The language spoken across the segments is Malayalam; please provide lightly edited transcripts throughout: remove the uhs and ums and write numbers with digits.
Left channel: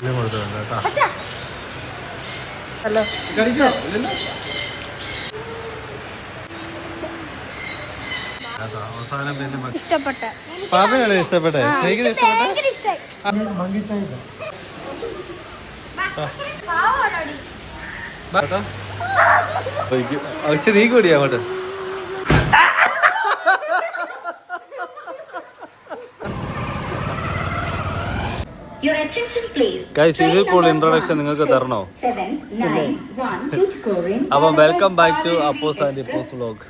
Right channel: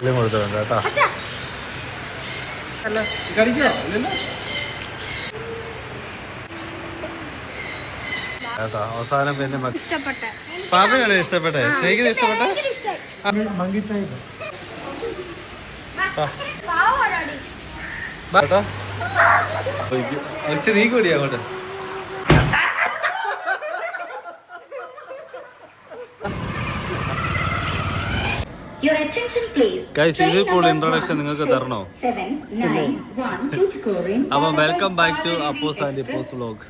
കൊടുത്തിട്ടുണ്ട് കേട്ടോ. കേട്ടോ അവസാനം പിന്നെ പാതയാണ് ഇഷ്ടപ്പെട്ടെ. ശരിക്കും ഇഷ്ടപ്പെട്ടെ. നീ കൂടിയാ അങ്ങോട്ട്. ഗൈസ് ഇതിൽ കൂടുതൽ ഇൻട്രൊഡക്ഷൻ നിങ്ങൾക്ക് തരണോ? അപ്പം welcome back to Appos and Ippos vlog.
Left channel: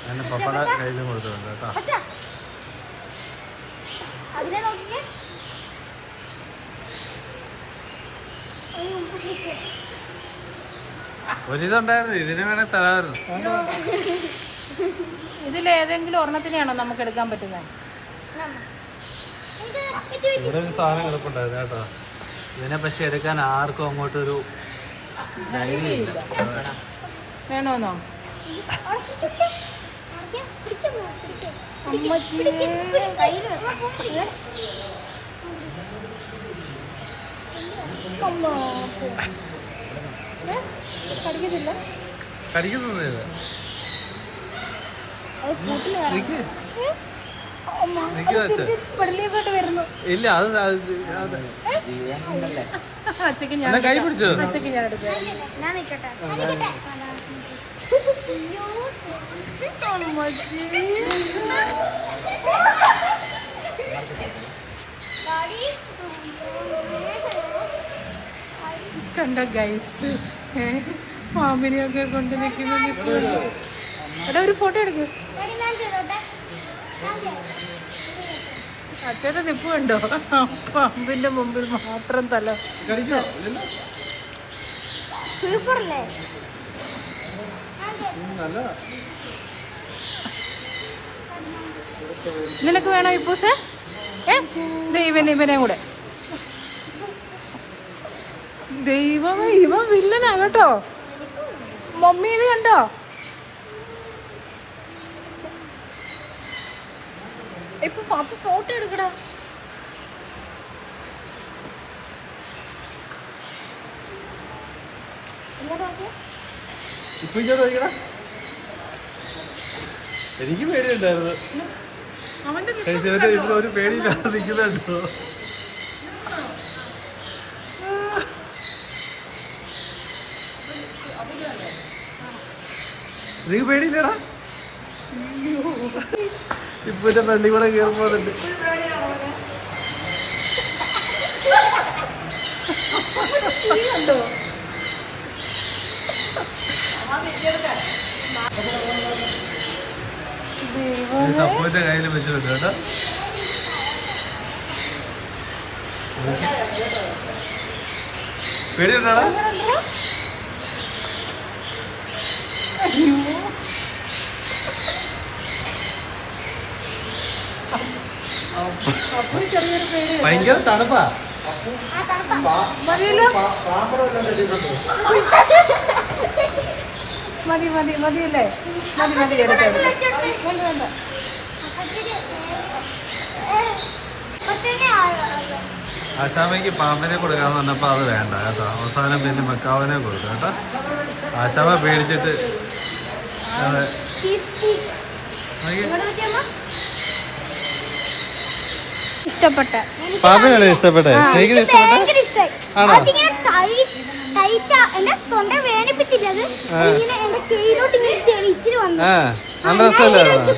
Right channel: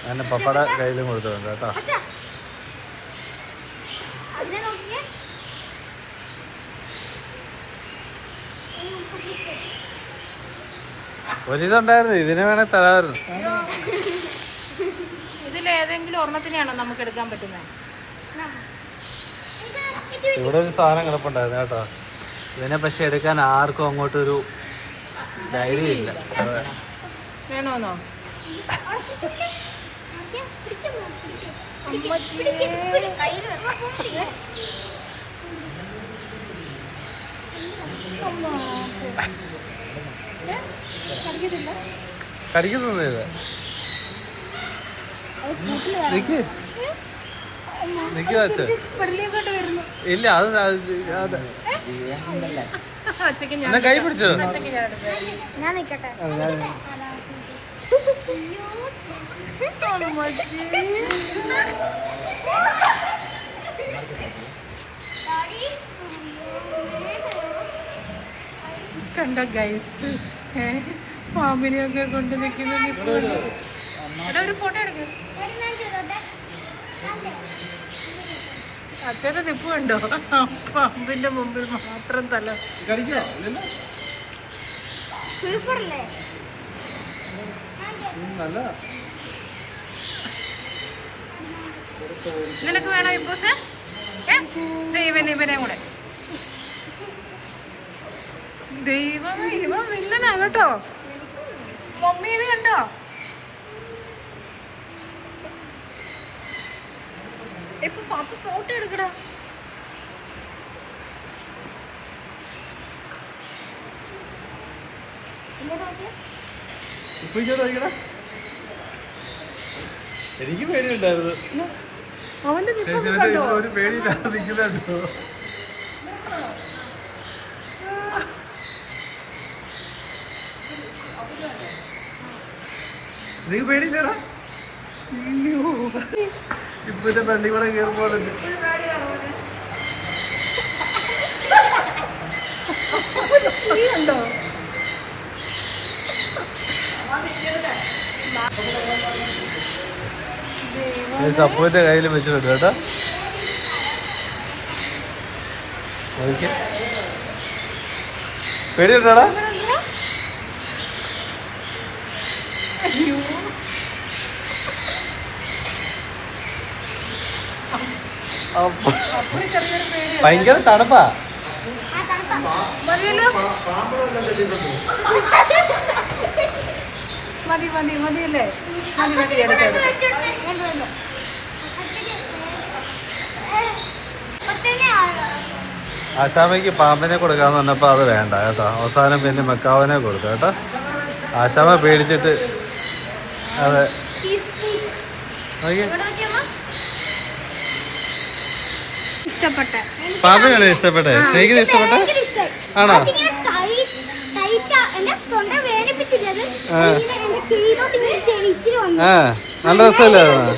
അങ്ങനെ പപ്പട കയ്യിലും കൊടുത്തിട്ടുണ്ട് കേട്ടോ. ഒരിതുണ്ടായിരുന്നു, ഇതിനെ വേണേ തരാമായിരുന്നു. ഇതിലേതെങ്കിലും ഒരെണ്ണത്തിനെയാണോ നമുക്ക് എടുക്കാൻ പറ്റുന്നത്? ഇവിടെ ഒരു സാധനം കിടപ്പുണ്ടായിരുന്നു കേട്ടോ. ഇതിനെ പക്ഷെ എടുക്കാൻ ആർക്കും അങ്ങോട്ടൊരു ധൈര്യമില്ല. വേണോന്നോ? കടിക്കുന്നത് ഇത് ഇല്ല. അത് എന്നാ കൈ പിടിച്ചത്. കണ്ട ഗൈസ് പാമ്പിനെയൊക്കെ കൊണ്ട് നിൽക്കുന്നത്. എടാ ഒരു ഫോട്ടോ എടുക്ക്. അച്ഛന്റെ നിപ്പ് കണ്ടോ? പാമ്പിന്റെ മുമ്പിൽ മാത്രം തല. നിനക്ക് വേണോ ഇപ്പൂസ്? ഇവനെയും കൂടെ. ദൈവം, ഇവൻ വില്ലനാ കേട്ടോ. മമ്മി ഇത് കണ്ടോ? ഇപ്പൊ ഫോട്ടോ എടുക്കടാ. എനിക്ക് പേടിയുണ്ടായിരുന്നു. അവന്റെ ഒരു പേടിയില്ലാതെ നിൽക്കുന്നുണ്ടോ? നീ പേടിയില്ലടാ? ഇപ്പൊ എന്റെ ഫ്രണ്ടിൽ കൂടെ കയറുമ്പോന്നുണ്ട്. സപ്പുവിന്റെ കയ്യിൽ വെച്ചിട്ടുണ്ട് കേട്ടോ. പേടിയുണ്ടാടാ? ഭയങ്കര തണുപ്പാ. ആശാമയ്ക്ക് പാമ്പിനെ കൊടുക്കാന്ന് പറഞ്ഞപ്പോ അത് വേണ്ട കേട്ടോ. അവസാനം പിന്നെ മെക്കാവിനെ കൊടുത്തു കേട്ടോ. ആശാമ പേടിച്ചിട്ട്. അതെ പാമ്പിനാണ് ഇഷ്ടപ്പെട്ടെ. ശരിക്കും ഇഷ്ടപ്പെട്ടെ ആണോ? നല്ല രസമല്ലായിരുന്നോ?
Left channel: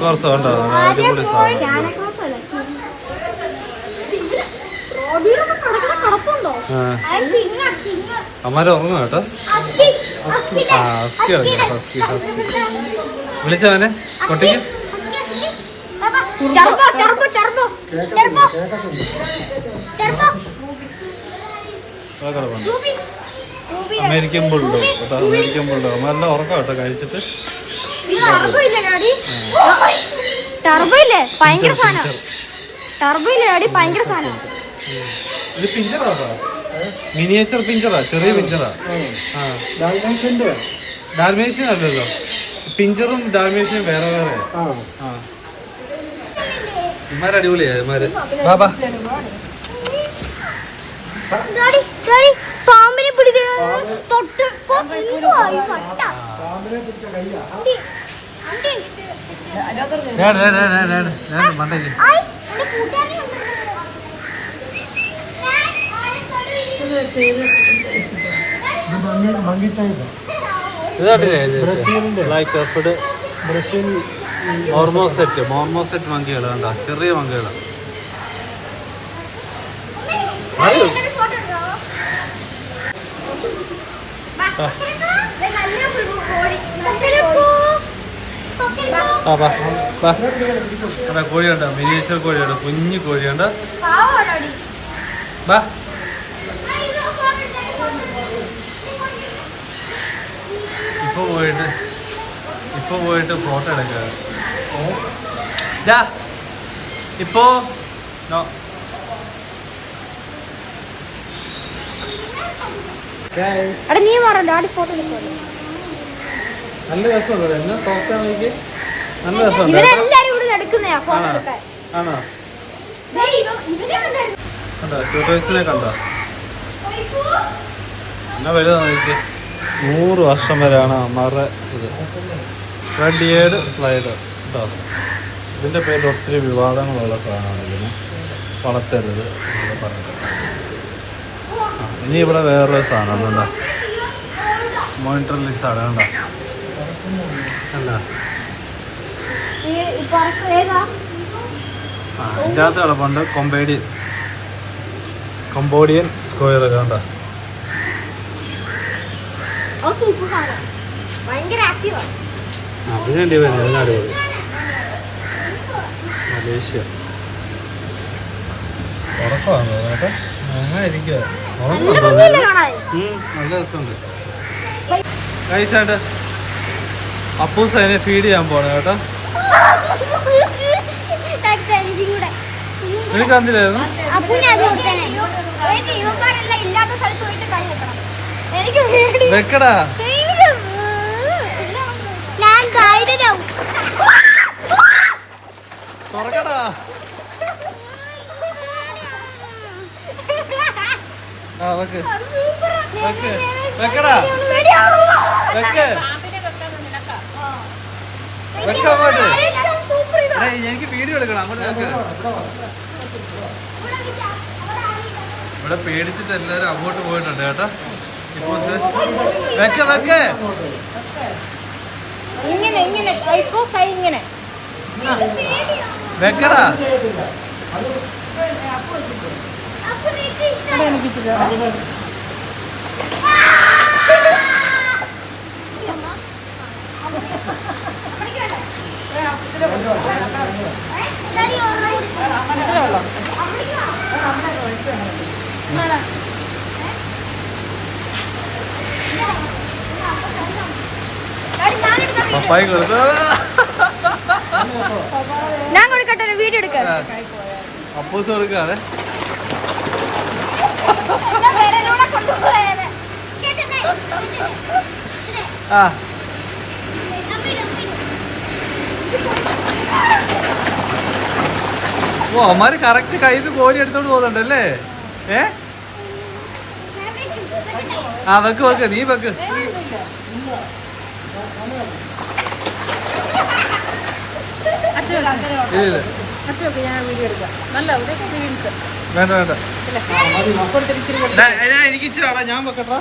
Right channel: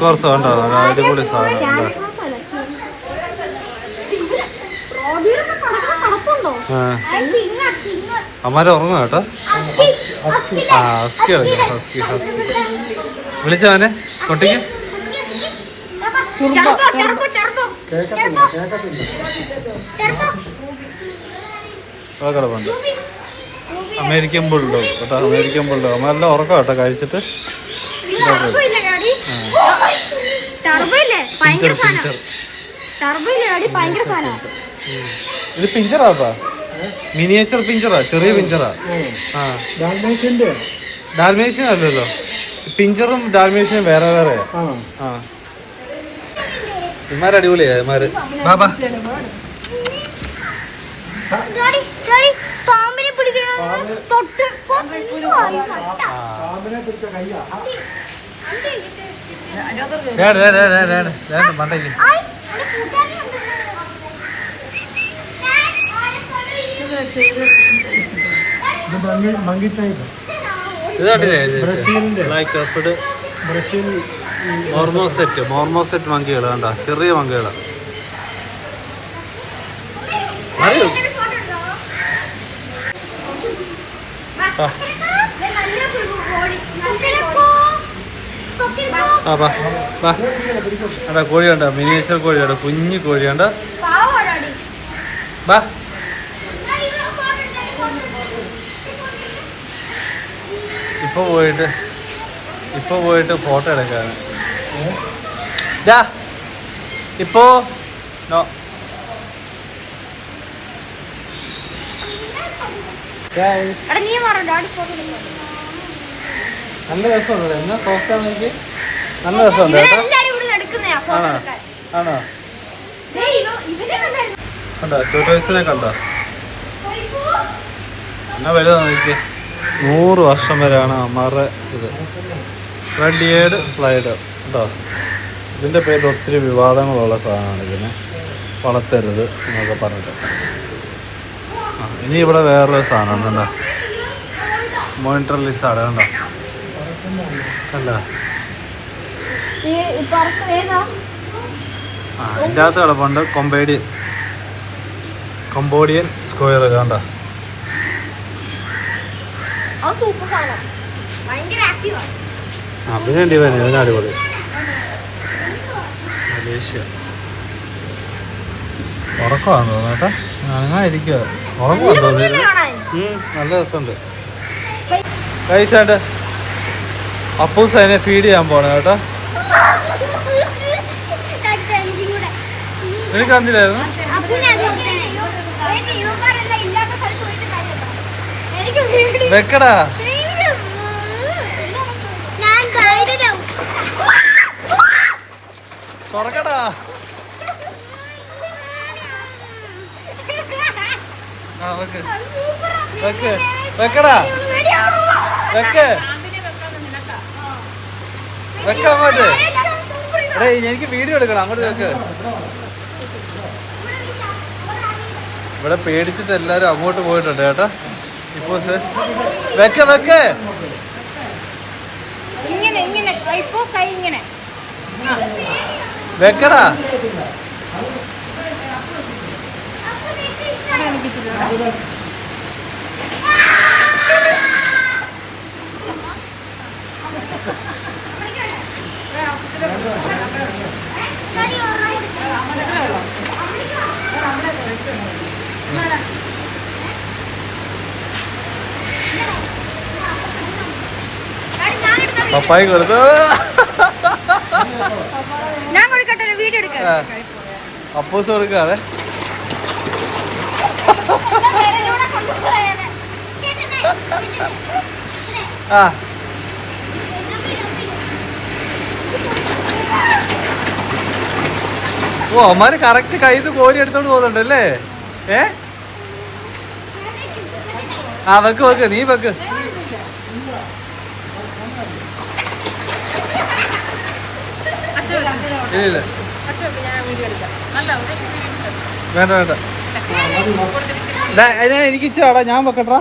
കോർസ് ഉണ്ടോ? അടിപൊളി സാധനം. അമ്മാരെ ഉറങ്ങും കേട്ടോ. വിളിച്ചവനെ കൊട്ടിക്ക്. കിടപ്പുണ്ട് അമേരിക്കൻ ബുൾഡോ കേട്ടോ. അമേരിക്കൻ ബുൾഡോ അമ്മയെല്ലാം ഉറക്കം കേട്ടോ കഴിച്ചിട്ട്. ഇത് പിഞ്ചറാപ്പാ, മിനിയേച്ചർ പിഞ്ചറാ, ചെറിയ പിഞ്ചറാ. ആ ഡാൽമേഷ്യൻ അല്ലല്ലോ, പിഞ്ചറും ഡാൽമേഷ്യനും വേറെ വേറെ. ആ ഇമാര് അടിപൊളിയാ ഇമാര്. ബാബാ പാമ്പിനെ മണ്ടയ്ക്ക് മോർമോസെറ്റ് മങ്കികൾ കണ്ട, ചെറിയ മങ്കികളാണ്. അറിയോ കോഴി കണ്ട, മിനിയേച്ചർ കോഴിയുണ്ട്, കുഞ്ഞു കോഴിയുണ്ട്. ബാ ഇപ്പൊ പോയിട്ട് ഫോട്ടോ എടുക്കാണ്. ഇപ്പോ നോ നല്ല രസമുണ്ട്. എന്നാ സോഫ്റ്റ് നോക്കി, നല്ല രസമുണ്ട് കേട്ടോ. ആണോ ആണോ കണ്ടോ ടൂറിസ്റ്റിനെ കണ്ടോ? എന്നാ വലുതാ നോക്കി. 100 വർഷം വരെയാണ് അമ്മമാരുടെ ഇത്. റെഡ് ഇയേർഡ് സ്ലൈഡർ കേട്ടോ. ഇതിൻ്റെ പേരിൽ ഒത്തിരി വിവാദങ്ങളുള്ള സാധനമാണ്. ഇതിനെ വളർത്തരുത് എന്നൊക്കെ പറഞ്ഞിട്ട്. ഇനി ഇവിടെ വേറൊരു സാധനം എന്താ, മോണിറ്റർ ലിസാർഡ് കണ്ടോ? അല്ല ഇതിൻ്റെ അകത്ത് കിടപ്പുണ്ട് കൊമ്പോഡിയൻ സ്ക്വയർ കണ്ടോ? അതിനുവേണ്ടി വരുന്നത് ഇതിനടിപൊളി. മലേഷ്യ ഉറക്കമാണോ കേട്ടോ? അങ്ങനെ ഇരിക്കുക, ഉറക്കമാണെന്ന് തോന്നുന്നു. നല്ല രസമുണ്ട്. കഴിച്ചാണ്ട് അപ്പൂസ് അതിനെ ഫീഡ് ചെയ്യാൻ പോണേ കേട്ടോ. എനിക്ക് അന്നില്ലായിരുന്നു. വെക്കടാ തുറക്കടാ. ആ വെക്ക് വെക്ക് വെക്കടാ വെക്ക് വെക്ക അങ്ങോട്ട്. എടേ എനിക്ക് വീഡിയോ എടുക്കണം, അങ്ങോട്ട് വെക്ക്. ഇവിടെ പേടിച്ചിട്ട് എല്ലാരും അങ്ങോട്ട് പോയിട്ടുണ്ട് കേട്ടോ. ഇപ്പൊ വെക്ക വെക്ക് വെക്കടാ. പപ്പായി കൊടുത്തു. ഞാൻ കൊടുക്കട്ടെ, വീഡിയോ എടുക്കാം. അപ്പൂസ് കൊടുക്കാതെ. ആ ഓ അമ്മാര് കറക്റ്റ് കയ്യിൽ കോരി എടുത്തോണ്ട് പോകുന്നുണ്ടല്ലേ. ആ വെക്ക് വെക്ക്, നീ വെക്ക്. വേണ്ട വേണ്ട, എനിക്ക് ഇച്ചാടാ, ഞാൻ വെക്കട്ടാ.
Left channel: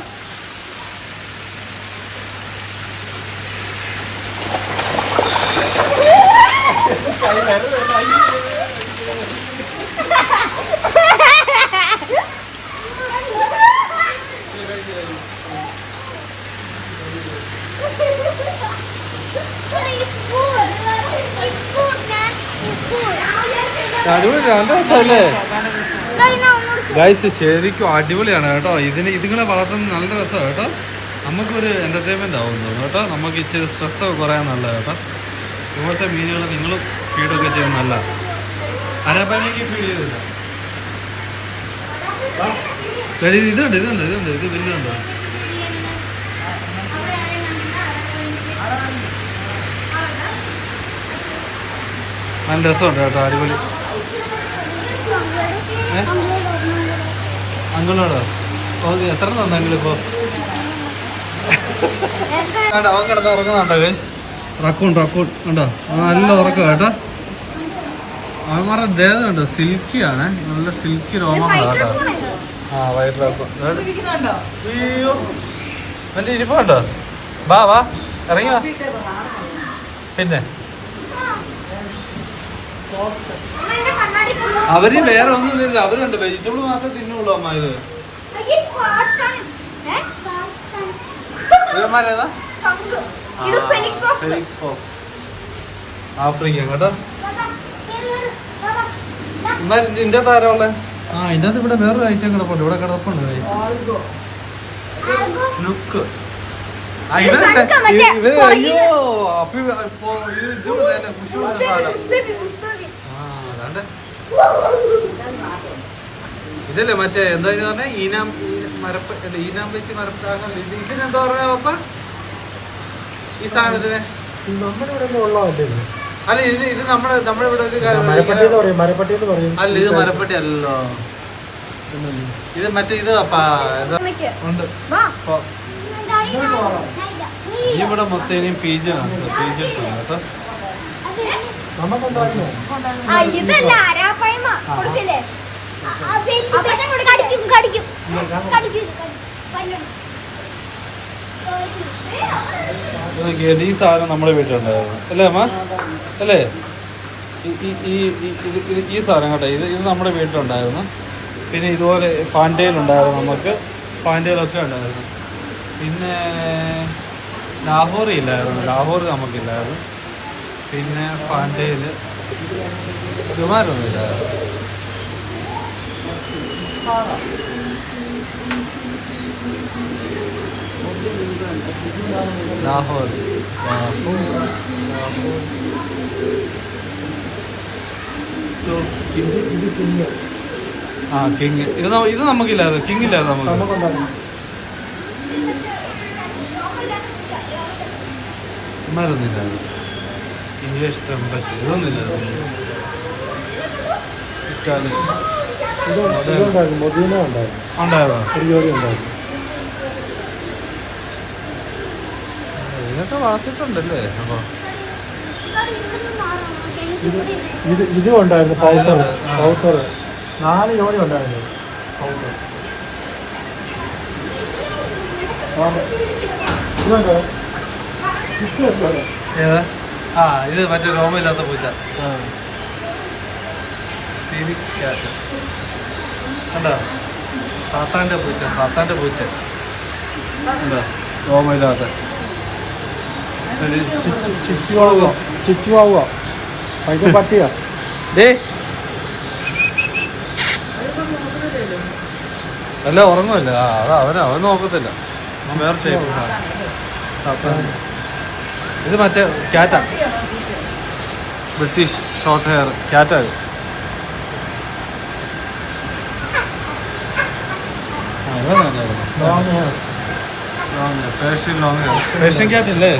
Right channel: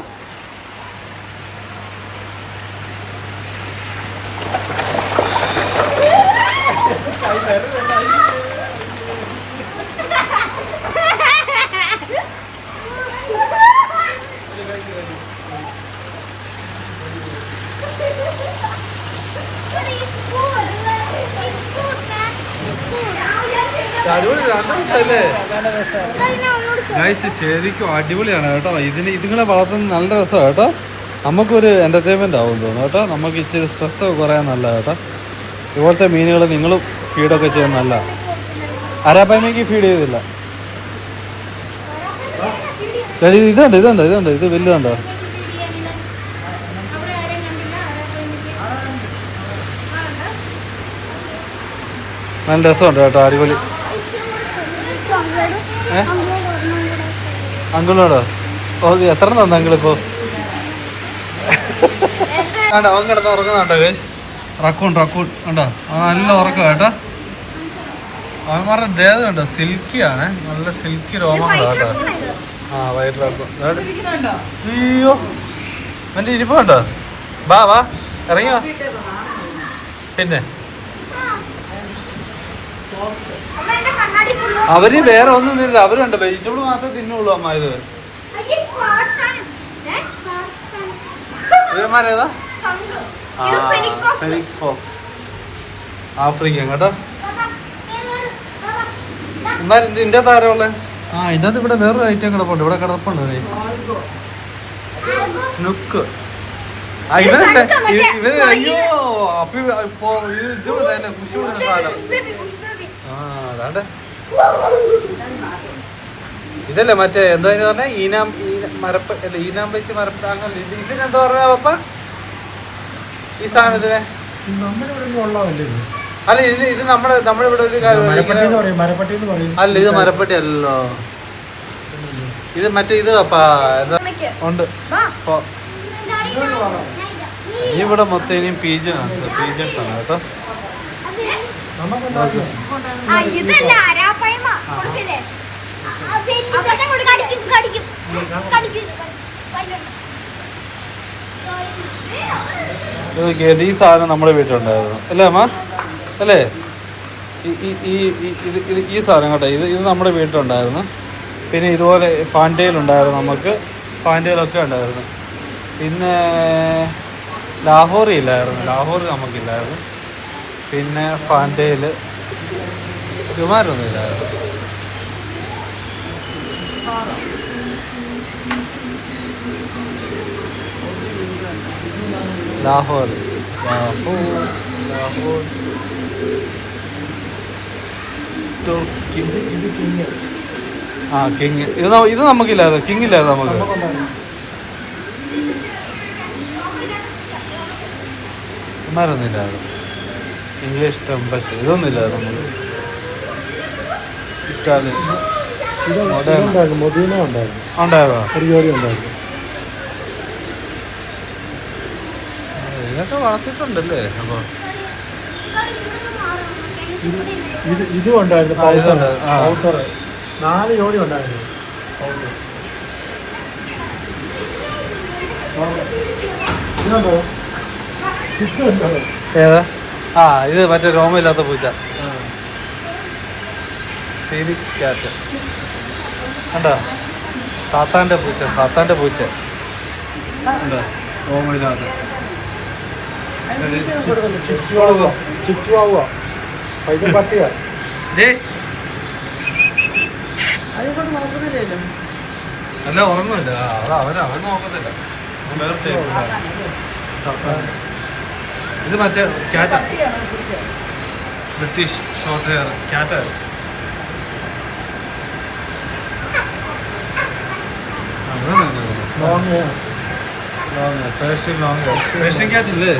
ഗൈസ് ശരിക്കും അടിപൊളിയാണ് കേട്ടോ. ഇതുങ്ങളെ വളർത്തുന്നത് നല്ല രസമാണ് കേട്ടോ. നമുക്കൊരു എൻ്റർടൈൻമെൻ്റ് ആവും തോന്നുന്നു കേട്ടോ. നമുക്ക് ഇച്ചിരി സ്ട്രെസ്സൊക്കെ കുറയാൻ നല്ല കേട്ടോ. ഇതുപോലത്തെ മീനുകൾ നിങ്ങളും ഫീഡൊക്കെ ചെയ്യാൻ നല്ല. അരാപ്പനിക്ക് ഫീഡ് ചെയ്തില്ല. ഇതുണ്ട് ഇത് വലുതുണ്ടോ? നല്ല രസമുണ്ട് കേട്ടോ, അടിപൊളി. അങ്കിളോടോ? ഓക്കെ, എത്ര തന്നെ അങ്കിളിപ്പോ? അവൻ കിടന്ന് ഉറങ്ങുന്നുണ്ടോ? റക്കൂൺ ഉണ്ടോ? അവൻ നല്ല ഉറക്കം കേട്ടോ. അവൻ പറഞ്ഞ ദേഹമുണ്ടോ, സിൽക്കിയാണ്, നല്ല സിൽക്കി രോമങ്ങളാ കേട്ടോ. ആ വയറ്റിലാക്കും. അയ്യോ എൻ്റെ ഇരിപ്പുണ്ടോ? വാ ഇറങ്ങിയോ? പിന്നെ അവര് വേറെ ഒന്നും തിന്നില്ല, അവരുണ്ട് വെജിറ്റബിൾ മാത്രമേ തിന്നുള്ളൂ അമ്മ. ഇത് ഇവന്മാരേതാ? ഫെനിക്സ് ഫോക്സ്, ആഫ്രിക്കൻ കേട്ടോ. ഇതിന്റെ താരമുള്ള ഇതിന്റെ അകത്ത് ഇവിടെ വേറൊരു ഐറ്റം കിടപ്പുണ്ട്, ഇവിടെ കിടപ്പുണ്ട് സ്നുക്ക്. അയ്യോ അപ്പൊ ഇത് സാധനം. അതാണ്ട് ഇതല്ലേ മറ്റേ എന്താ പറഞ്ഞ ഈനാം വെച്ച് മരപ്പ. ഇതിനെന്താ പറഞ്ഞ പപ്പ ഈ സാധനത്തിന്? അല്ല ഇത് നമ്മളിവിടെ ഒരു അല്ല, ഇത് മരപ്പട്ടി അല്ലല്ലോ. ഇത് മറ്റേ ഇത് പപ്പാ ഉണ്ട്. ഇവിടെ മൊത്തം ഇനിയും പീജാണ് കേട്ടോ. ഈ സാധനം നമ്മുടെ വീട്ടിലുണ്ടായിരുന്നു അല്ലേ അമ്മ? അല്ലേ? ഈ സാധനം കേട്ടോ, ഇത് നമ്മുടെ വീട്ടിലുണ്ടായിരുന്നു. പിന്നെ ഇതുപോലെ പാൻഡയിലുണ്ടായിരുന്നു, നമുക്ക് പാൻഡയിലൊക്കെ ഉണ്ടായിരുന്നു. പിന്നെ ലാഹോറി ഇല്ലായിരുന്നു, ലാഹോറി നമുക്കില്ലായിരുന്നു. പിന്നെ പാൻഡയിൽ കുമാരൊന്നും ഇല്ലായിരുന്നു. ലാഹോർ ആ കിങ്. ഇത് നമുക്കില്ലായിരുന്നു, കിങ് ഇല്ലായിരുന്നു നമുക്ക്. മരുന്നില്ലായിരുന്നു. ഇംഗ്ലീഷ് ടെമ്പറ്റ് ഇതൊന്നും ഇല്ലായിരുന്നു നമുക്ക്. ഇറ്റാലിയൻ ഉണ്ടായിരുന്നോ? ഇതൊക്കെ വളർത്തിട്ടുണ്ടല്ലേ? അപ്പൊ ഇത് ഉണ്ടായിരുന്നു, 4 ജോഡി ഉണ്ടായിരുന്നു. ഏതാ? ഇത് മറ്റേ രോമയില്ലാത്ത പൂച്ച, ഫീനിക്സ് ക്യാറ്റ് കണ്ടോ? സാത്താന്റെ പൂച്ച കണ്ടോ? രോമയില്ലാത്ത അല്ല ഉറങ്ങുമല്ല. അവൻ നോക്കത്തില്ല, അവൻ വേറെ ഷേപ്പിലാണ് സാത്താൻ. ഇത് മറ്റേ ക്യാറ്റാണ്, ബ്രിട്ടീഷ് ഷോർട്ട് ഹെയർ ക്യാറ്റാണ്. Persian long hair, Persian cat ഇല്ലേ?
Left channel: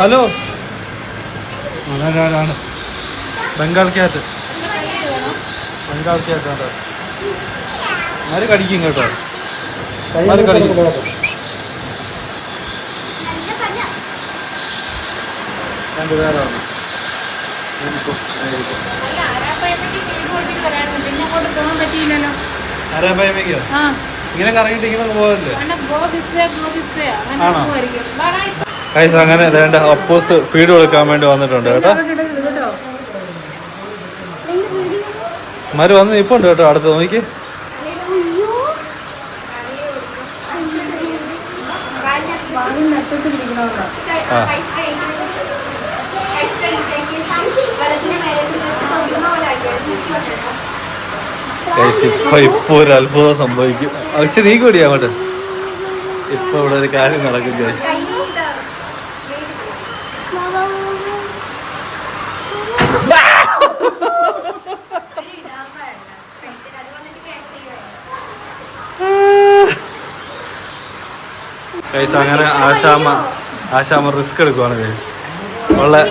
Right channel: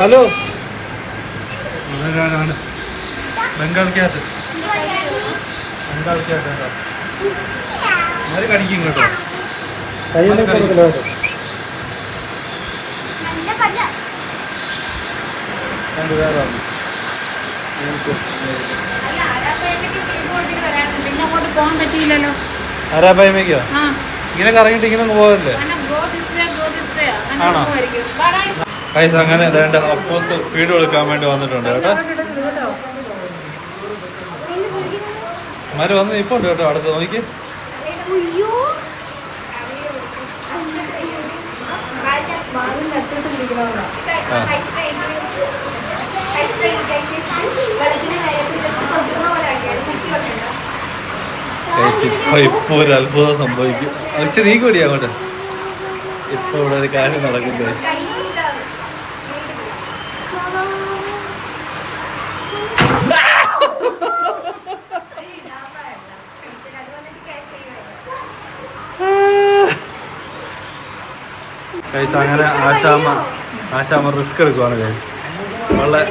ഹലോ, അതാണ് ബംഗാൾ ക്യാറ്റ്. ഉണ്ടോ? മാറി കടിക്കും കേട്ടോ, മാറി കടിക്കും. രണ്ട് പേരോ ആരാപ്പായ്മയ്ക്കോ? ഇങ്ങനെ കറങ്ങിയിട്ട് ഇങ്ങനെ പോകല്ലേ? ആണോ? കൈസ് അങ്ങനെ വേണ്ട അപ്പോസ് ഫീഡ് കൊടുക്കാൻ വേണ്ടി വന്നിട്ടുണ്ട് കേട്ടോ. മാര് വന്ന് ഇപ്പൊ ഉണ്ട് കേട്ടോ, അടുത്ത് നോക്കി. ആ ഇപ്പൊ ഒരു അത്ഭുതം സംഭവിക്കും. പക്ഷെ നീ കൂടി അങ്ങോട്ട്. ഇപ്പൊ ഇവിടെ ഒരു കാര്യം നടക്കും ഗൈസ്. ഗൈസ് അങ്ങനെ ആശാമ റിസ്ക് എടുക്കുവാണ് ഗൈസ്. വളരെ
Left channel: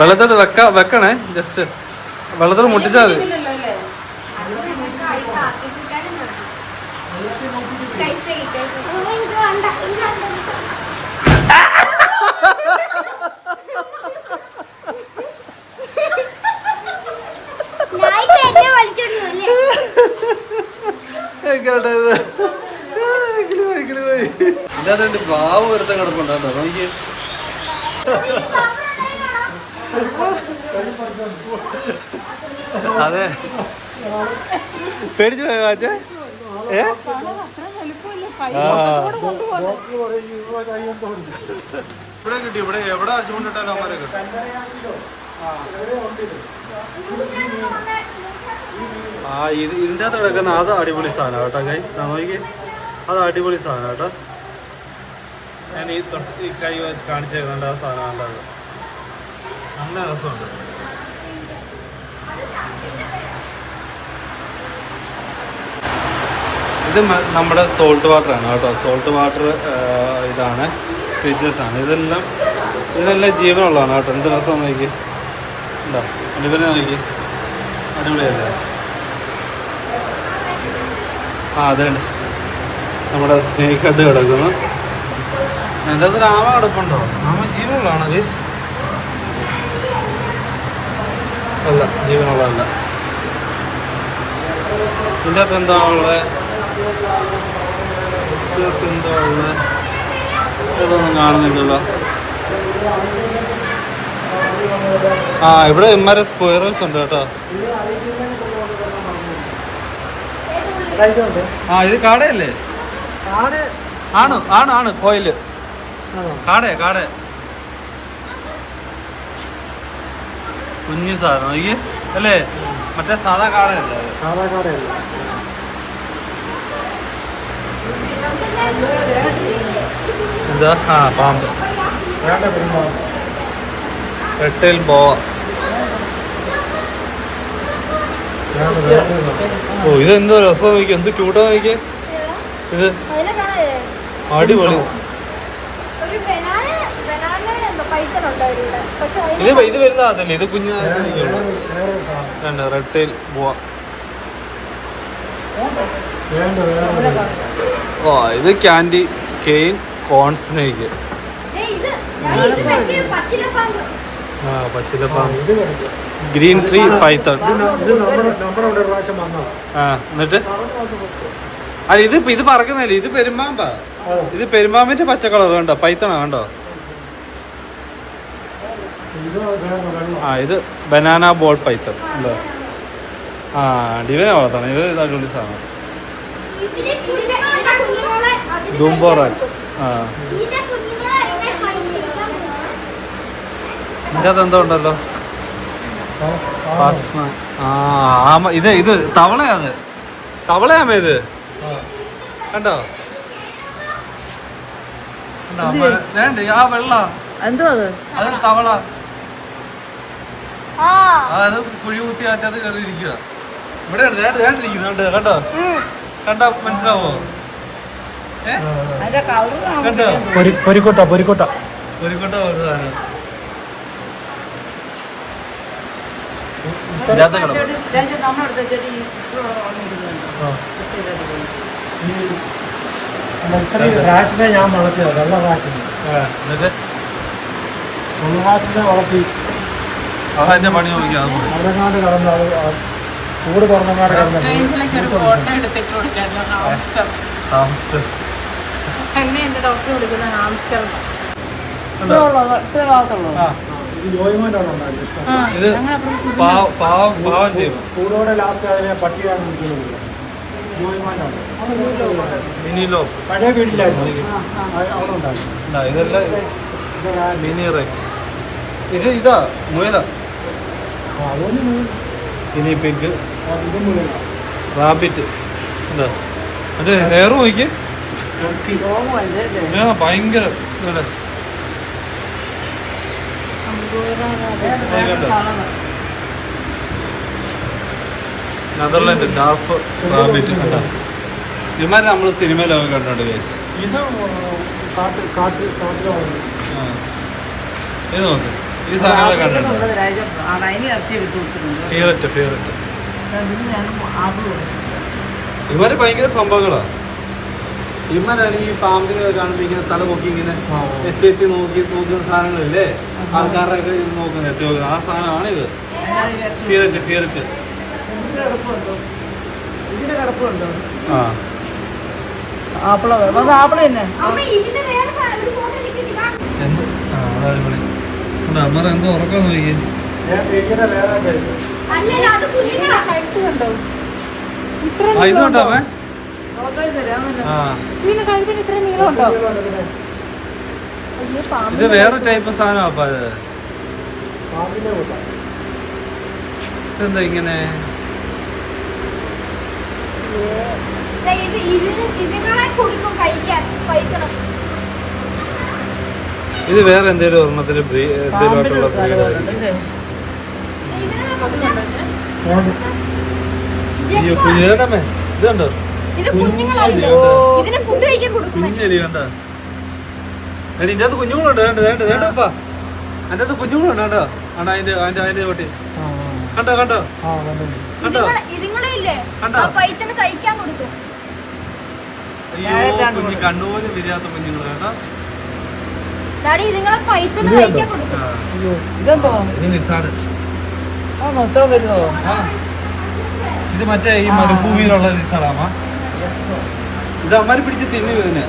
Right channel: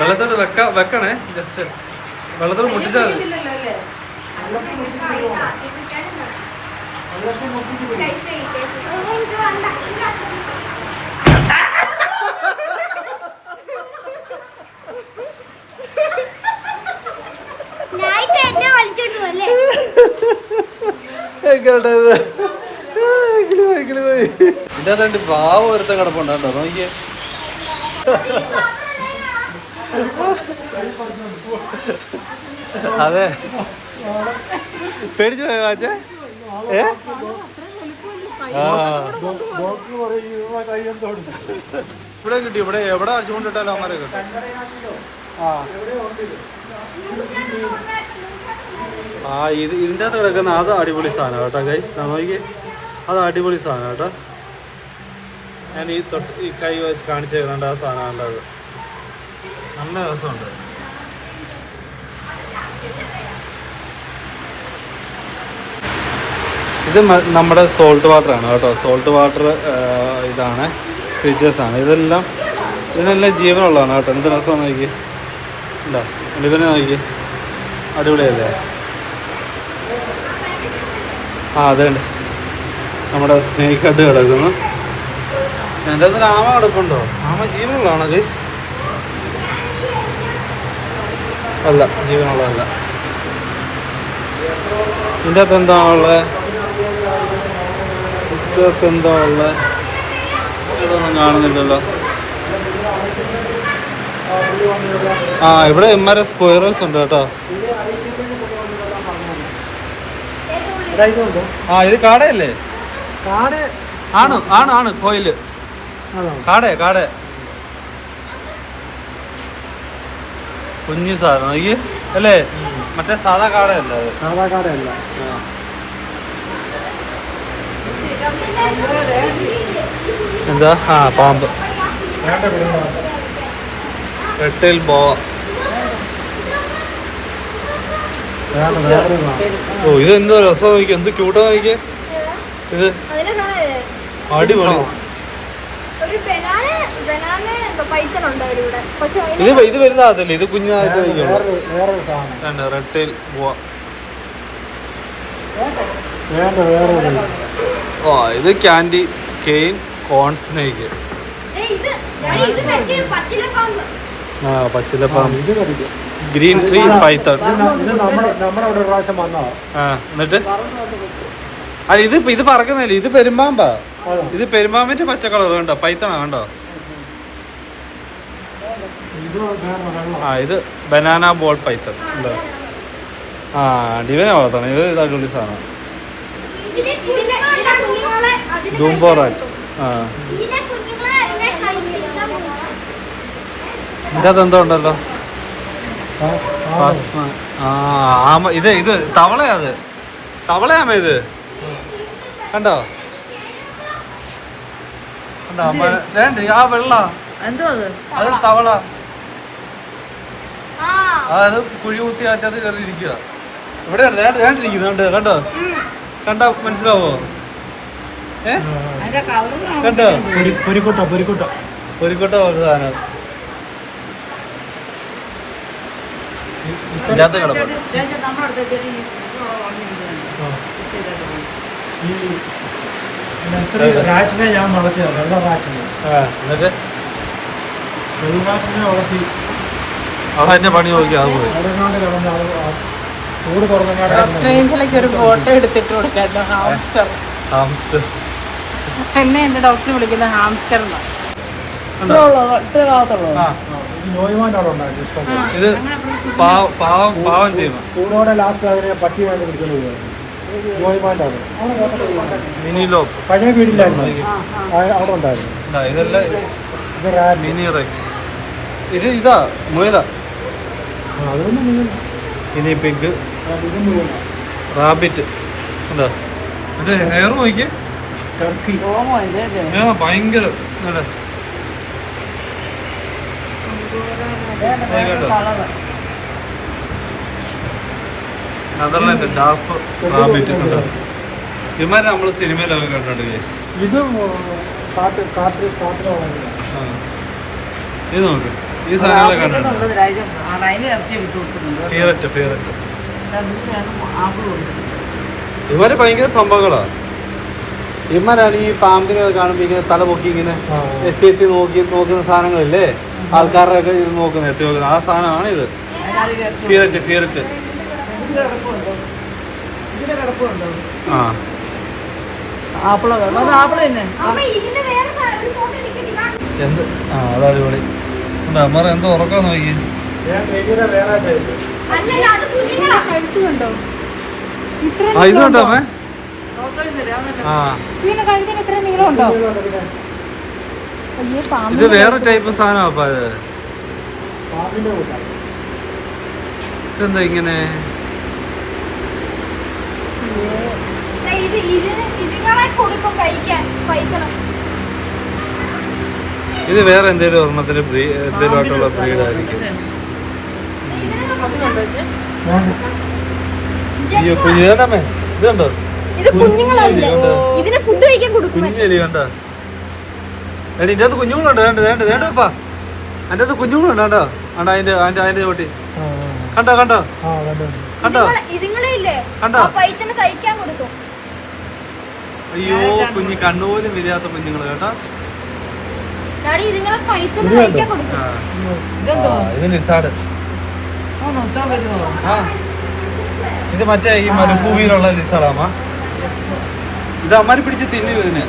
വെള്ളത്തോട് വെക്കണേ, ജസ്റ്റ് വെള്ളത്തോട് മുട്ടിച്ചാൽ മതി. ഇതിനകത്ത് പാവം ഒരുത്തം കിടപ്പുണ്ടോ നോക്കിയേ. അതെ, പേടിച്ചു പോയ വാച്ചേ. ഇവിടെ കിട്ടി, ഇവിടെ എവിടെ അടിച്ചുകൊണ്ടിട്ടാലും അമ്മരെ കിട്ടും. ഇതിൻ്റെ അകത്ത് കിടക്കുന്ന അത് അടിപൊളി സാധനം കേട്ടോ ഗൈസ്. നോക്കിയേ, അത് അടിപൊളി സാധനം കേട്ടോ. ഞാൻ ഈ കൈ വെച്ച് കാണിച്ചേക്കുന്നുണ്ട് ആ സാധനം. അത് നല്ല രസമുണ്ട്. ഇത് നമ്മുടെ സോൾട്ട് വാട്ടർ ആണ് കേട്ടോ. സോൾട്ട് വാട്ടർ ഇതാണ്, ഫീച്ചേഴ്സാണ് ഇതെല്ലാം. ഇതിനെല്ലാം ജീവനുള്ളതാണ് കേട്ടോ. എന്ത് രസമാണ് നോക്കി ഉണ്ടോ, അടിപൊളി നോക്കി, അടിപൊളിയല്ലേ. അതേണ്ട് നമ്മുടെ സ്നേക്ക് ഹെഡ് കിടക്കുന്നു. എൻ്റെ അകത്തൊരു ആമ കിടപ്പുണ്ടോ? ആമ ജീവനുള്ളതാണോ ഗൈസ്? അല്ല, ജീവനുള്ളതല്ല. ഇതിൻ്റെ അകത്ത് എന്താ ഉള്ളത്? എന്താ ഉള്ളത്? ഇതൊന്നും കാണുന്നില്ലല്ലോ. ഇവിടെ ഇമ്മാരെ സ്ക്വയറൽസ് ഉണ്ട് കേട്ടോ. ഇത് കാടയല്ലേ? ആണ് കോയില്. കാട കുഞ്ഞു സാധനം നോക്കി അല്ലേ? മറ്റേ സാധാ കാടയല്ല അത്. എന്താ? പാമ്പ്, റെട്ടൈൽ ബോവ. ഇത് എന്തോ രസം നോക്കി, എന്ത് ക്യൂട്ടാ നോക്കിയേ. ഇത് അടിപൊളി. ഇത് വലുതാകത്തില്ല, ഇത് കുഞ്ഞാകത്തേ. Red tail boa. ഇത് ക്യാൻഡി കെയിൻ കോൺ സ്നേക്ക്. പച്ചിലപ്പാമ്പ്, ഗ്രീൻ ട്രീ പൈത്തൺ. എന്നിട്ട് അല്ല, ഇത് പറക്കുന്നില്ല, ഇത് പെരുമ്പാമ്പാ. ഇത് പെരുമ്പാമ്പിന്റെ പച്ച കളർ കണ്ടോ, പൈത്തണ കണ്ടോ. ഇത് ബനാന ബോൾ പൈത്തൺ ഉണ്ടോ. ഡിവനെ വളർത്തണം. ഇത് അടിപൊളി സാധനം. ഡൂംബോറാൻ. ഇതിൻ്റെ അത് എന്തോ ഉണ്ടല്ലോ. ഇത് തവളയാ. അത് തവളയാമ. ഇത് കണ്ടോ അമ്മ വേണ്ട. ആ വെള്ള അത് തവള. അത് കുഴി കുത്തി അതിനകത്ത് കയറിയിരിക്കുക. ഇവിടെയാണ് വേണ്ടിരിക്കുന്നുണ്ട്. കണ്ടോ കണ്ടോ മനസ്സിലാവോ? കണ്ടോ പൊരിക്കോട്ട ഒരു സാധനം. ഇതിനകത്ത് കിടപ്പുണ്ട്. ഞാൻ വളർത്തിയത് നല്ല റാറ്റിനെ. എന്നിട്ട് വളർത്തി അതെന്റെ പണി നോക്കി. അത് പോയി ചൂട് കുറഞ്ഞ ഫോട്ടോ എടുത്തിട്ട് കൊടുക്കാറുണ്ട്. ഹാംസ്റ്റർ. എന്നെ എന്റെ ഡോക്ടർ വിളിക്കുന്ന ഹാംസ്റ്റർ. ഇത് പാവം ചെയ്യുന്നു. ചൂടോടെ ലാസ്റ്റ് അതിനെ പട്ടിയാണ് ഇരിക്കുന്നത്. മിനി ലോപ്പ് പഴയ വീട്ടിലായിരുന്നു അവിടെ ഉണ്ടായിരുന്നു. ഇതെല്ലാം മിനി റെക്സ്. ഇതാ മുയല. Mini pig, rabbit. എന്താ മറ്റേ ഹെയർ നോക്കി. ഭയങ്കര കണ്ടോ. നെതർലാൻഡ് ഡാഫ് റാബിറ്റ് കണ്ടോ. ഇമാരെ നമ്മൾ സിനിമയിലൊക്കെ കണ്ടോണ്ട് കേസ്. ഇത് കാട്ടിൽ ആ ഇത് നോക്ക്, ഈ സാധനങ്ങളെ കണ്ടിട്ടുണ്ടോ? ഫിയററ്റ് ഇവര് ഭയങ്കര സംഭവങ്ങളാണ്. ഇവരാണ് ഈ പാമ്പിനെ കാണുമ്പോൾ ഇങ്ങനെ തല പൊക്കി ഇങ്ങനെ എത്തി നോക്കുന്ന സാധനങ്ങളില്ലേ, ആൾക്കാരുടെ ഒക്കെ ഇത് നോക്കുന്നത്, എത്തി നോക്കുന്നത് ആ സാധനമാണ് ഇത്. ഫിയററ്റ് ആ ആപ്പിളോ അത് ആപ്പിള് തന്നെ. എന്ത് ആ അത് അടിപൊളി. അമ്മ എന്തോ ഉറക്കാൻ നോക്കി. ആ ഇത് കണ്ടോ അമ്മേ? ആ ഇത് വേറെ ടൈപ്പ് സാധനം അപ്പ ഇതെന്താ ഇങ്ങനെ? ഇത് വേറെ എന്തേലും ഒരെണ്ണത്തിന് എന്തേലും ആയിട്ടുള്ള ബ്രീഡായിരിക്കും. അയ്യോ കുഞ്ഞേടമേ ഇത് കണ്ടോ, കുഞ്ഞലി കണ്ടോ? എടി ഇതിന്റെ അകത്ത് കുഞ്ഞുങ്ങളുണ്ട്, വേണ്ടപ്പാ അതിന്റെ അകത്ത് കുഞ്ഞുങ്ങളുണ്ട് കേട്ടോ. ആണ്ടോ അതിന്റെ ചോട്ടി കണ്ടോ കണ്ടോ അയ്യോ കുഞ്ഞ് കണ്ണുപോലും വിരിയാത്ത കുഞ്ഞുങ്ങൾ കേട്ടോ. ഇത് ലിസാഡ്. ആ ഇത് മറ്റേ ഈ മരുഭൂമിയിലുള്ള ലിസാഡാമ്മ. ഇത് അമ്മാര് പിടിച്ച് തിന്നു ഇതിനെ.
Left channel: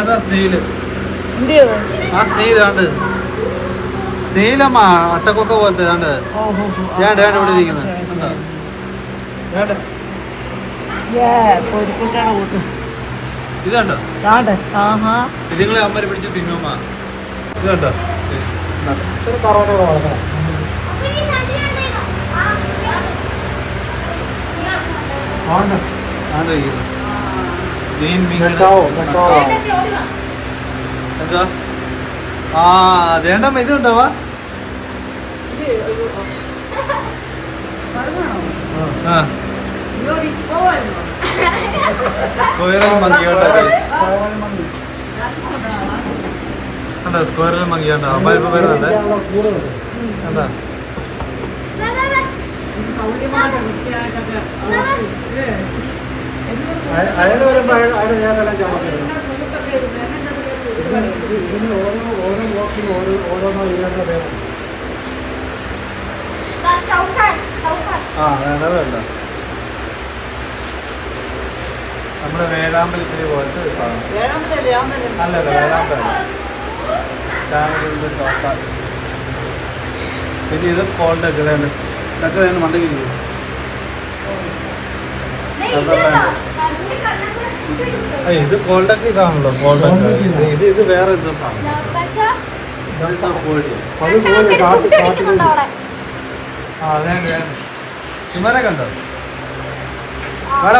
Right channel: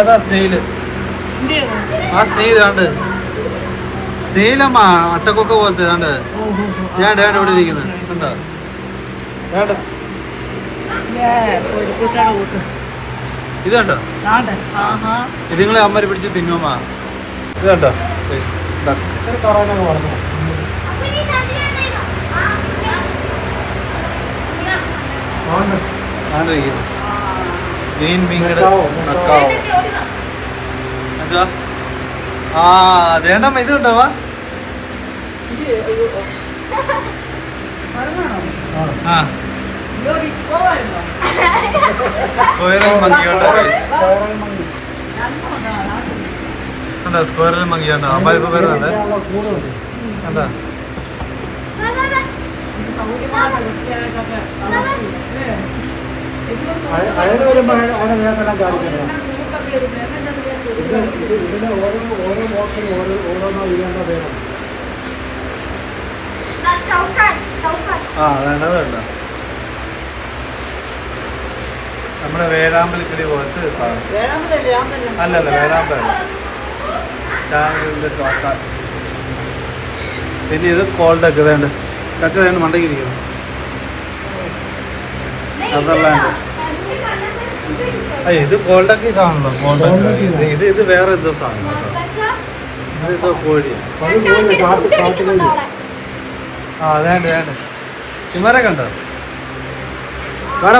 ഇതാ സ്നെയില്. ആ സ്നെയിൽ കണ്ട്, സ്നെയിലമ്മ അട്ടക്കൊക്ക പോലത്തെ കണ്ട് വേണ്ട ഇവിടെ ഇരിക്കുന്നത് കണ്ടോ. വേണ്ട ഇത് കണ്ടോ, ഇതിങ്ങളെ അമ്മര് പിടിച്ച് തിന്നുമ്മ. ഇത് കണ്ടോ ആ അതേണ്ടമ്മ ഇത് കണ്ടോവാ. ആ സ്ക്വയറിൽ മങ്ങിയാണ്ടോ അമ്മ ഇപ്പൊ വരുന്നുണ്ട് കണ്ടാ. ഓരോ ബോക്സിനും ഓരോന്നോ ഇല്ലാത്ത പേരാണ്. ആ വേണ്ട നമ്മുടെ വേഴാമ്പലത്തില് പോലത്തെ സാധനം. അല്ലല്ല വേഴാമ്പലല്ല, പിന്നെ ഇത് കോൾഡൊക്കെ വേണ്ട ഒക്കെ വേണ്ട മണ്ടയ്ക്ക് ഇരിക്കുന്നു. ഇത് കോൾഡൊക്കെ ഇതാണല്ലോ കോൾഡൊക്കെ. ഇത് വേറെ എന്തോ സാധനം, ഇതെന്തോ കോഴി. ആ വേണ്ട ഇമാരെ കണ്ടോ? വാടാ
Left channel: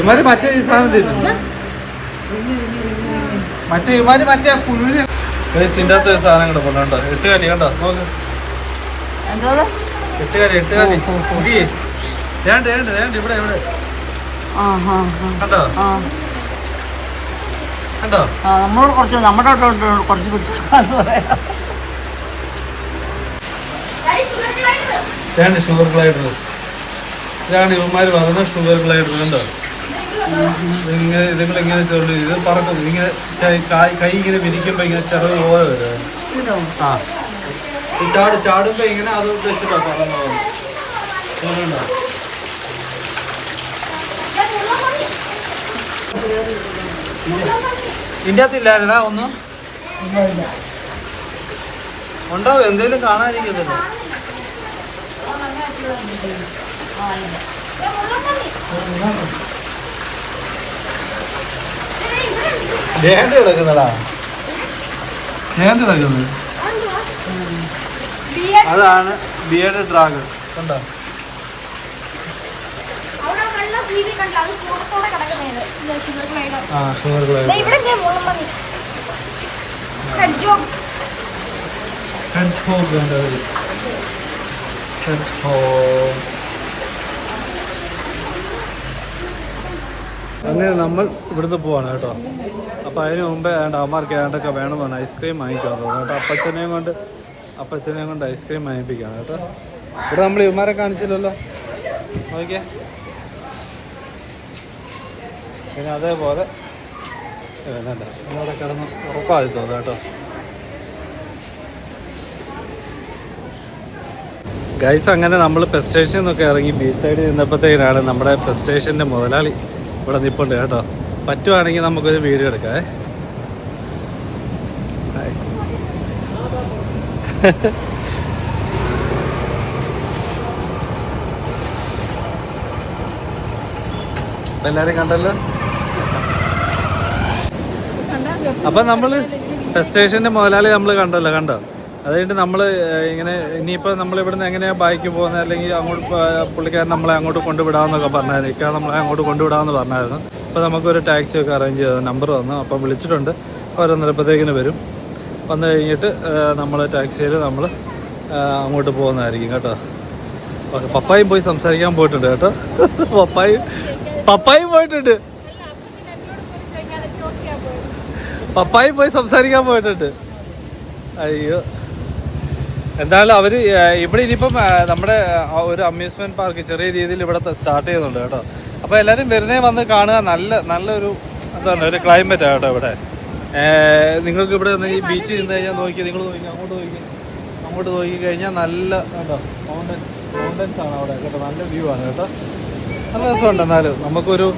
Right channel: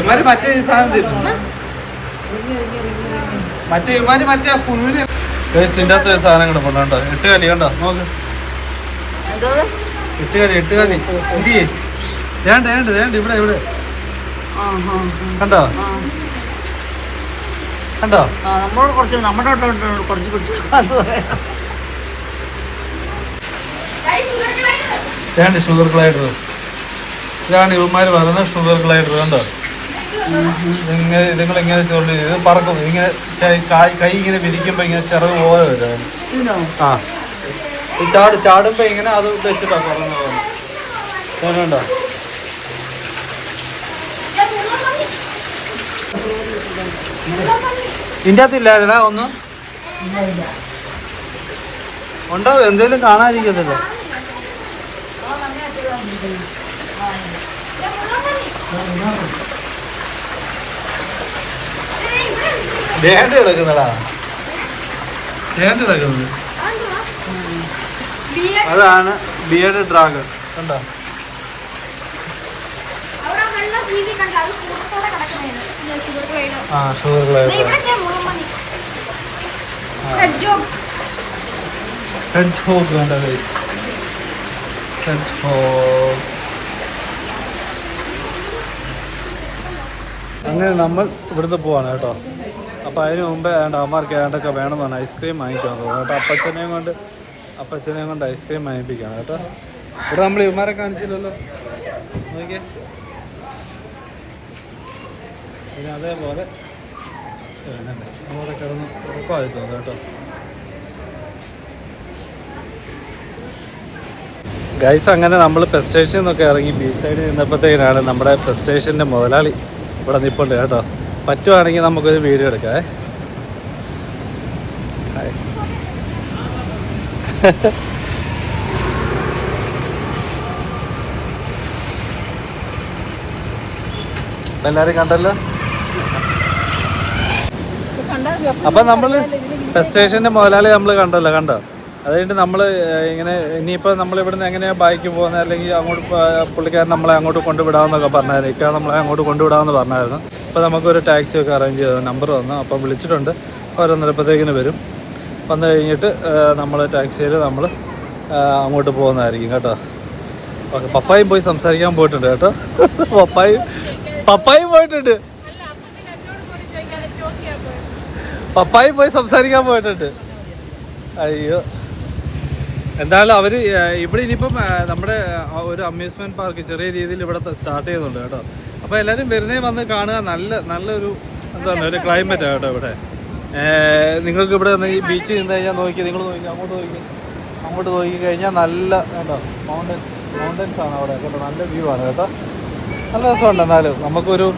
ഇമാര് മറ്റേ ഈ സാധനം തരും. മറ്റേ കുഞ്ഞിന് ഇതിൻ്റെ അകത്ത് സാധനം കിടപ്പുണ്ടോ? 8 കാലി കണ്ടോ നോക്ക്. 8 കാലി ഇരി വേണ്ട ഇവിടെ കണ്ടോ വേണ്ട ഷുഗർ ഗ്ലൈഡർ. ഇതാണ് ഇവന്മാര് പറയുന്നത് ഷുഗർ ഗ്ലൈഡർ. കണ്ടോ ഇതിങ്ങളിങ്ങനെ ചോണ്ടി ഇത് പറക്കും. ഇങ്ങനെ കൈ ഇങ്ങനെ വിരിക്കുമ്പോ ഇങ്ങനെ ചിറക് പോലെ വരും. ആ ഈ ചാടുമ്പോ ഇങ്ങനെ അത് വെച്ചിട്ടാ പറന്നത്. കണ്ടോ ഇതിൻ്റെ അകത്തില്ലായിരുന്നാ ഒന്നും. ഉണ്ടാവും, എന്തേലും കാണാതിരിക്കത്തില്ല. ദേഹത്ത് കിടക്കുന്നടാ, ദേഹത്ത് കിടക്കുന്നത്. അതാണ് ബിയർഡ് ഡ്രാഗൺ. കണ്ടോ? ആ ഷുഗർ ഗ്ലേഡ്. Hedge Hoeg. അങ്ങനെ നമ്മൾ ഇവിടുന്ന് പോവാണ് കേട്ടോ. അപ്പോൾ അതിന് മുമ്പേ അമ്മമാർക്ക് ഏണ്ടൊക്കെ വേണമെന്ന് പറഞ്ഞാൽ ഐസ്ക്രീം വാങ്ങിക്കാൻ തോന്നുന്നു കേട്ടോ. അപ്പച്ചനെയും കൊണ്ട് ഐസ്ക്രീം വാങ്ങിപ്പിക്കുകയാണ് കേട്ടോ. ഇവിടെ നമ്മൾ ഇവന്മാരെ കാണിച്ചില്ലല്ലോ, നോക്കിയാ. പിന്നെ അതേപോലെ നമ്മളവിടെ കിടന്ന് ഉറപ്പായി തോന്നുന്നു കേട്ടോ. ഗൈസ്, അങ്ങനെ നമ്മൾ പെസ് സ്റ്റേഷനിൽ നിന്നൊക്കെ ഇറങ്ങി ബീച്ച് സൈഡിൽ നിന്നപ്പോഴത്തേക്കാണ് നമ്മുടെ പെസ് സ്റ്റേഷൻ്റെ മുതലാളി ഇവിടെ നിൽപ്പുണ്ട് കേട്ടോ. പറ്റുവാണെങ്കിൽ നമുക്കൊരു വീഡിയോ എടുക്കാം. ഹായ്. എല്ലാവരും കണ്ടല്ലോ. അപ്പം നമ്മൾ പെസ് സ്റ്റേഷൻ്റെ മുതലാളി നമ്മൾ കണ്ടോ. അത് കഴിഞ്ഞിട്ട് നമ്മൾ ഇങ്ങനെ ഇനിയിപ്പോൾ നമ്മളിവിടുന്ന് എങ്ങനെയാണ് ബൈക്ക് പോകുന്നത്, അല്ലെങ്കിൽ അങ്ങോട്ട് പുള്ളിക്കാരൻ നമ്മളെ അങ്ങോട്ട് കൊണ്ടുവിടാമെന്നൊക്കെ പറഞ്ഞായിരുന്നു. ഇക്കാ നമ്മളെ അങ്ങോട്ട് കൊണ്ടുവിടാമെന്ന് പറഞ്ഞായിരുന്നു. അപ്പോൾ നമുക്കൊരു ടാക്സി ഒക്കെ അറേഞ്ച് ചെയ്ത് നമ്പർ വന്നു. അപ്പം വിളിച്ചിട്ടുണ്ട്, ഓരോന്നരപ്പത്തേക്കിന് വരും. വന്നു കഴിഞ്ഞിട്ട് നമ്മൾ ടാക്സിയിൽ നമ്മൾ അങ്ങോട്ട് പോകുന്നതായിരിക്കും കേട്ടോ. ഓക്കെ, പപ്പായും പോയി സംസാരിക്കാൻ പോയിട്ടുണ്ട് കേട്ടോ. പപ്പായും പോയിട്ടുണ്ട്. പപ്പായും പോയി സംസാരിക്കാൻ പോയിട്ടുണ്ട്. അയ്യോ, എന്തായാലും അവർ ഇവിടെ ഇനിയിപ്പം നമ്മുടെ ഒരു അമ്യൂസ്മെൻറ്റ് പാർക്ക് ചെറിയ രീതിയിൽ ഇവിടെ സ്റ്റാർട്ട് ചെയ്യുന്നുണ്ട് കേട്ടോ. അപ്പോൾ എല്ലാവരും വെറുതെ വന്ന് കാണുക. നല്ലൊരു എന്താ പറയുക, ഒരു ക്ലൈമറ്റാണ് കേട്ടോ ഇവിടെ. നിങ്ങൾക്ക് ഇവിടെ ഈ ബീച്ചിൽ നിന്ന് കഴിഞ്ഞാൽ നിങ്ങൾ നോക്കി അങ്ങോട്ട് നോക്കി കഴിഞ്ഞാൽ നല്ല കേട്ടോ മൗണ്ടൻസ് ആണ് അവിടെ കേട്ടോ. നല്ല വ്യൂ ആണ് കേട്ടോ. നല്ല രസമുണ്ട്. എന്നാലും നമുക്കൊരു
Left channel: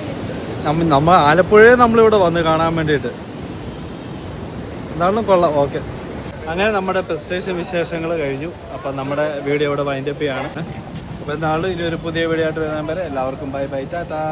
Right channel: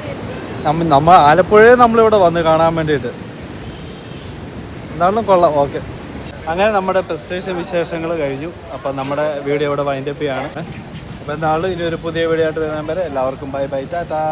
നമ്മൾ ആലപ്പുഴയെ നമ്മളിവിടെ വന്ന് കാണാൻ വേണ്ടിയിട്ട് എന്തായാലും കൊള്ളാം. ഓക്കെ, അങ്ങനെ നമ്മുടെ പെസ് സ്റ്റേഷൻ വിശേഷങ്ങൾ കഴിഞ്ഞു. അപ്പം നമ്മുടെ വീഡിയോ ഇവിടെ വൈൻഡപ്പ് ചെയ്യാണ്. അപ്പോൾ എന്നാളും ഇനി ഒരു പുതിയ വീഡിയോ ആയിട്ട് വരുന്ന വരെ എല്ലാവർക്കും ബൈ ബൈ, ടാറ്റാ.